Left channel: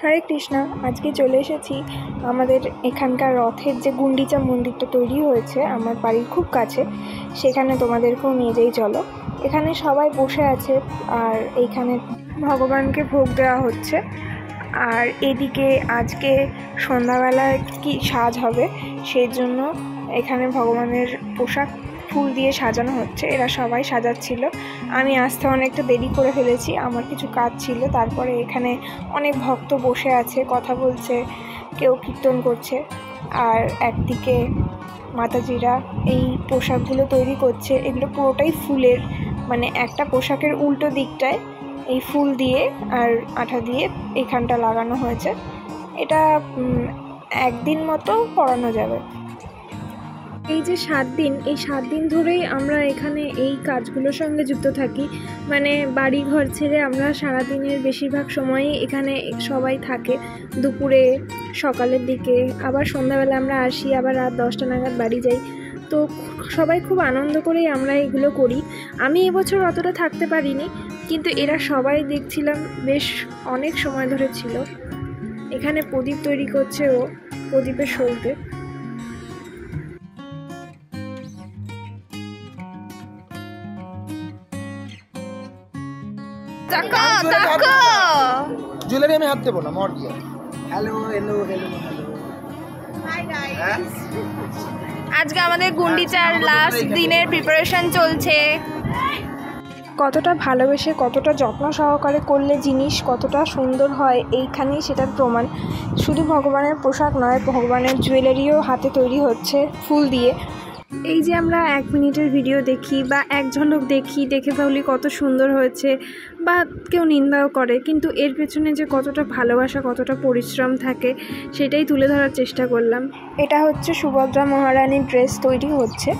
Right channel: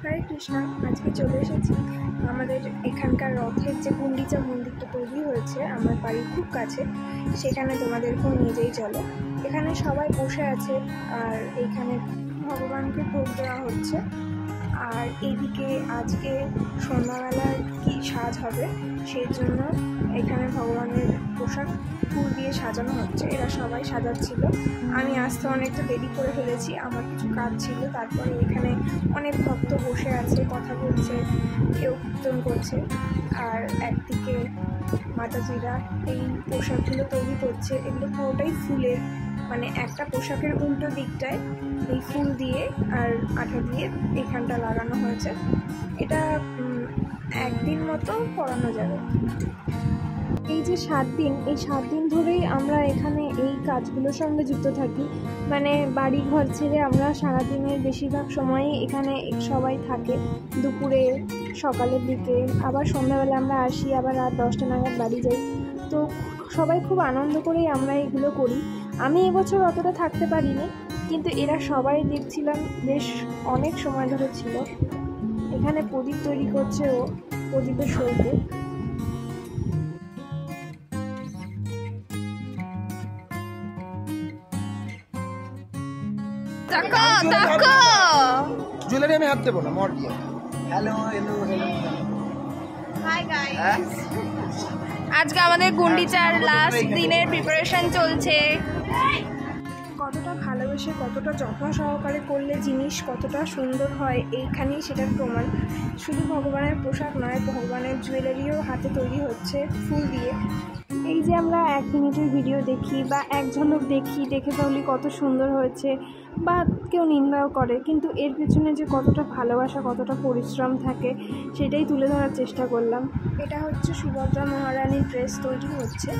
হরে কৃষ্ণ। আজকে চলে এসেছি আমাদের এখানকার রথের যে গুন্ডিচা মন্দিরটা তৈরি হয়েছে আমার বাড়ির খুব কাছে, সেখানে তোমাদেরকেও নিয়ে যাই চলো। এখানে সবাই বসে আছে আর এইখানে ভগবানকে ভোগ দেওয়া হচ্ছে। আর এদিকে আজকে সন্ধ্যাবেলায় কি সাজ হবে সেই জন্য এখানে ভগবানের পোশাক ফুল দিয়ে সাজানো হচ্ছে। এরা সবাই সাজাচ্ছিল, আমি আসতে অনেকটা দেরি করে ফেলেছি, আমার কিছু কাজ ছিল। তারপরে এখানে অনেক ভক্ত বসে আছে, কথা বলছে, কেউ কীর্তন করছে। আর একদিকে মাতাজিরা এই পোশাকগুলো তৈরি করছে। এগুলো পুরোটাই ফুলের, মানে একটা পোশাকের উল্টো দিকটায় এই ফুল দিয়ে আর আঠা দিয়ে এইখানটা লাগানো হয়েছে। এটা একদিন মতো পরানো যাবে। এই যে 7 দিন, এই 7 দিন ধরেই আমরা এখানে এই কাজগুলোর সঙ্গে যুক্ত থাকি। মানে বাড়ি ঘর ছেড়ে আমরা সারাদিনের বেশিরভাগ সময়ই এখানে সবাই থাকে। দুপুরে, সকালের দিকে, আবার সন্ধ্যাবেলা আমরা আসি, আবার রাত 10টা নাগাদ বাড়ি যাই। তো সবাই খুব আনন্দ করেই আমরা এগুলো করি। আমি এবছর অতটা থাকতে পারিনি, কিন্তু এরা সবাই দেখছিলাম বেশ অনেক সময় ধরে ছিল। এখানে প্রদীপ তৈরি করছে ও, প্রদীপের সলতে। জুয়েলারি আমি হাত দেবো না, মর দিয়ে। Hello hello hello hi guys, আজকে আমাদের গুন্ডিচার লাস্ট দিনের প্রিপারেশন চলছে। কতটা ভালোবেসে, কতটা যত্ন সহকারে করলে জিনিস কতটা সুন্দর হয় এইখানেই সেটার প্রমাণ। শুধু ভগবানের পোশাক নয়, ভগবানের জুয়েলারিও হাতে তৈরি হচ্ছে ফুল দিয়ে। এই যে আমরা 1 মিনিটের ভিডিও দেখি বা এক ঝলক দেখি, দেখে বলি কত সুন্দর হয়েছে, বা কেউ নিন্দাও করে, কিন্তু এর পেছনে যে কতটা ভালোবাসা, কতটা পরিশ্রম থাকে সেটাই তুলে ধরার চেষ্টা করলাম। এটা হচ্ছে সুভদ্রা মহারানীর ড্রেস তৈরি হচ্ছে,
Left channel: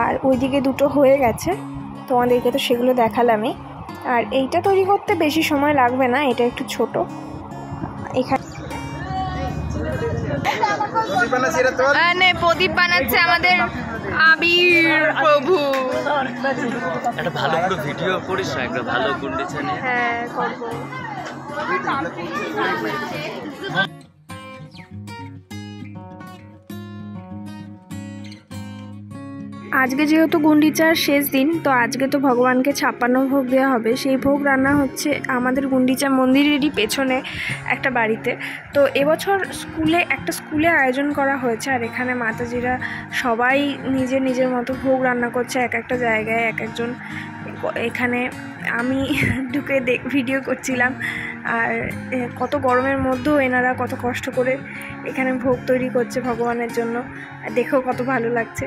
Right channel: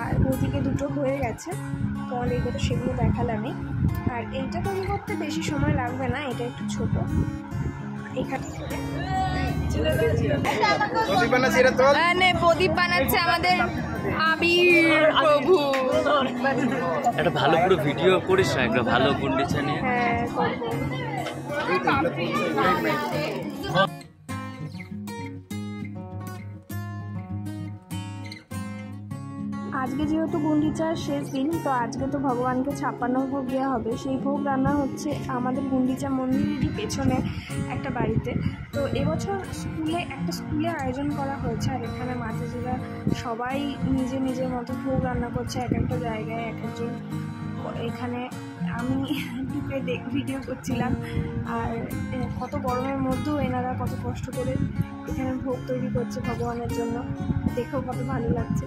আর ওইদিকে দুটো হয়ে গেছে, তোমাদেরকে তো সেগুলো দেখালামই। আর এইটা তৈরি করতে বেশি সময় লাগবে না, এটা একটু ছোট। এখানে প্রদীপ বানাচ্ছে আমাদের আবির প্রভু। একটা ভালো করে ভিডিও করিস না, একটা ভালো গুন্ডিচা নিয়ে। হ্যাঁ, করবো। আজকে যেহেতু গুন্ডিচার শেষ দিন, তো আজকে তো ভগবানকে 56 ভোগ দেওয়া হবে। সেই ভোগ রান্না হচ্ছে আমাদের গুন্ডিচা মন্দিরেরই পেছনে একটা বাড়িতে। তো এবছর স্কুলে আয়োজন করা হয়েছে, আর এখানে মাতাজিরা সবাই নিজের নিজের মতো ভোগ রান্না করছে এক একটা জায়গায়, এক একজন। এখানে আমি ঢুকে ভিডিও করছিলাম, আর কত গরমের মধ্যেও এনারা কত কষ্ট করে এখানে ভোগ তৈরি করছে ভগবানের জন্য, দেখেও কত ভালো লাগছে।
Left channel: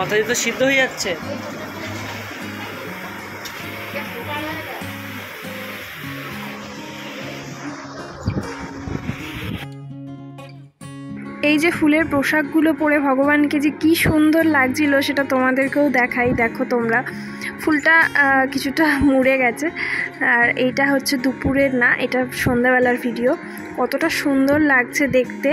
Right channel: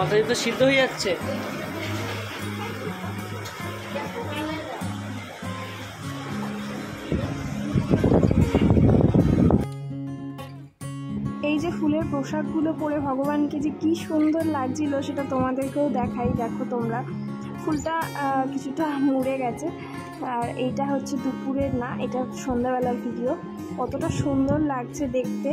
মাথায় তো সিদ্ধ হয়ে যাচ্ছে। এই যে ফুলের পোশাকগুলো পরে ভগবানকে যে কি সুন্দর লাগছিল সেটা তোমাদেরকেও দেখাই। দেখো তোমরা, ফুলটা কিছুটা মুড়ে গেছে। আর এইটা হচ্ছে দুপুরের না, এটা সন্ধ্যাবেলার ভিডিও। কতটা সুন্দর লাগছে দেখতে।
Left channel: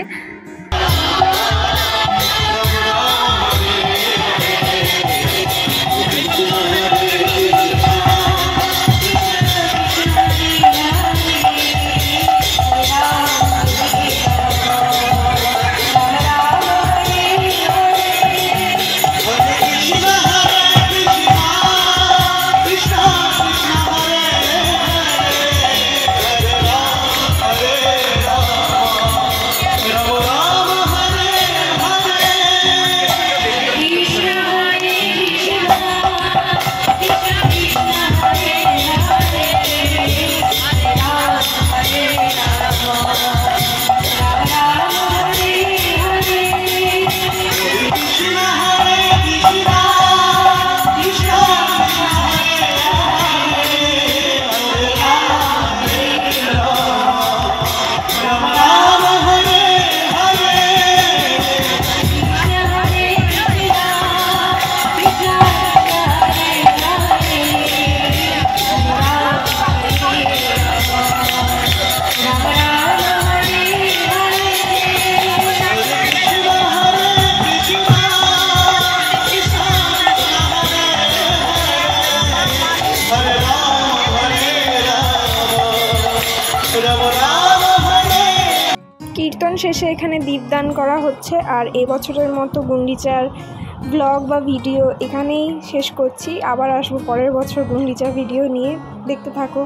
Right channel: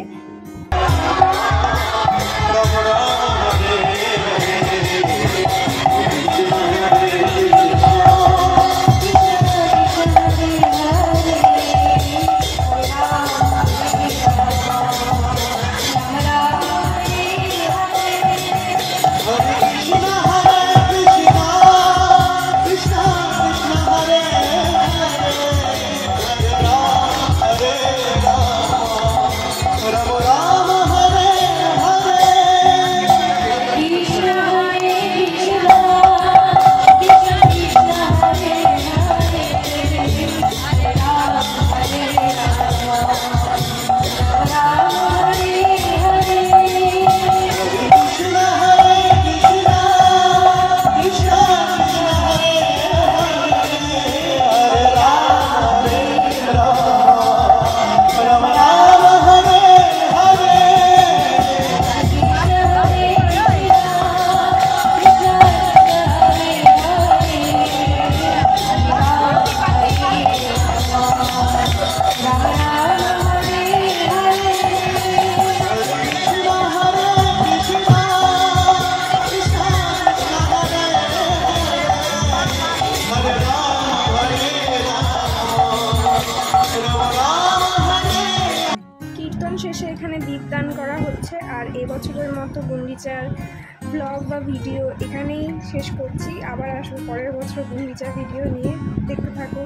Hare কীর্তন শেষে এখানে দীপদান করা হচ্ছে। আর এবছরের মতো গুন্ডিচার ব্লগ বা ভিডিও এখানেই শেষ করছি। আবার আসবো পরের বছর গুন্ডিচার ভিডিও নিয়ে, দেখতে থাকো।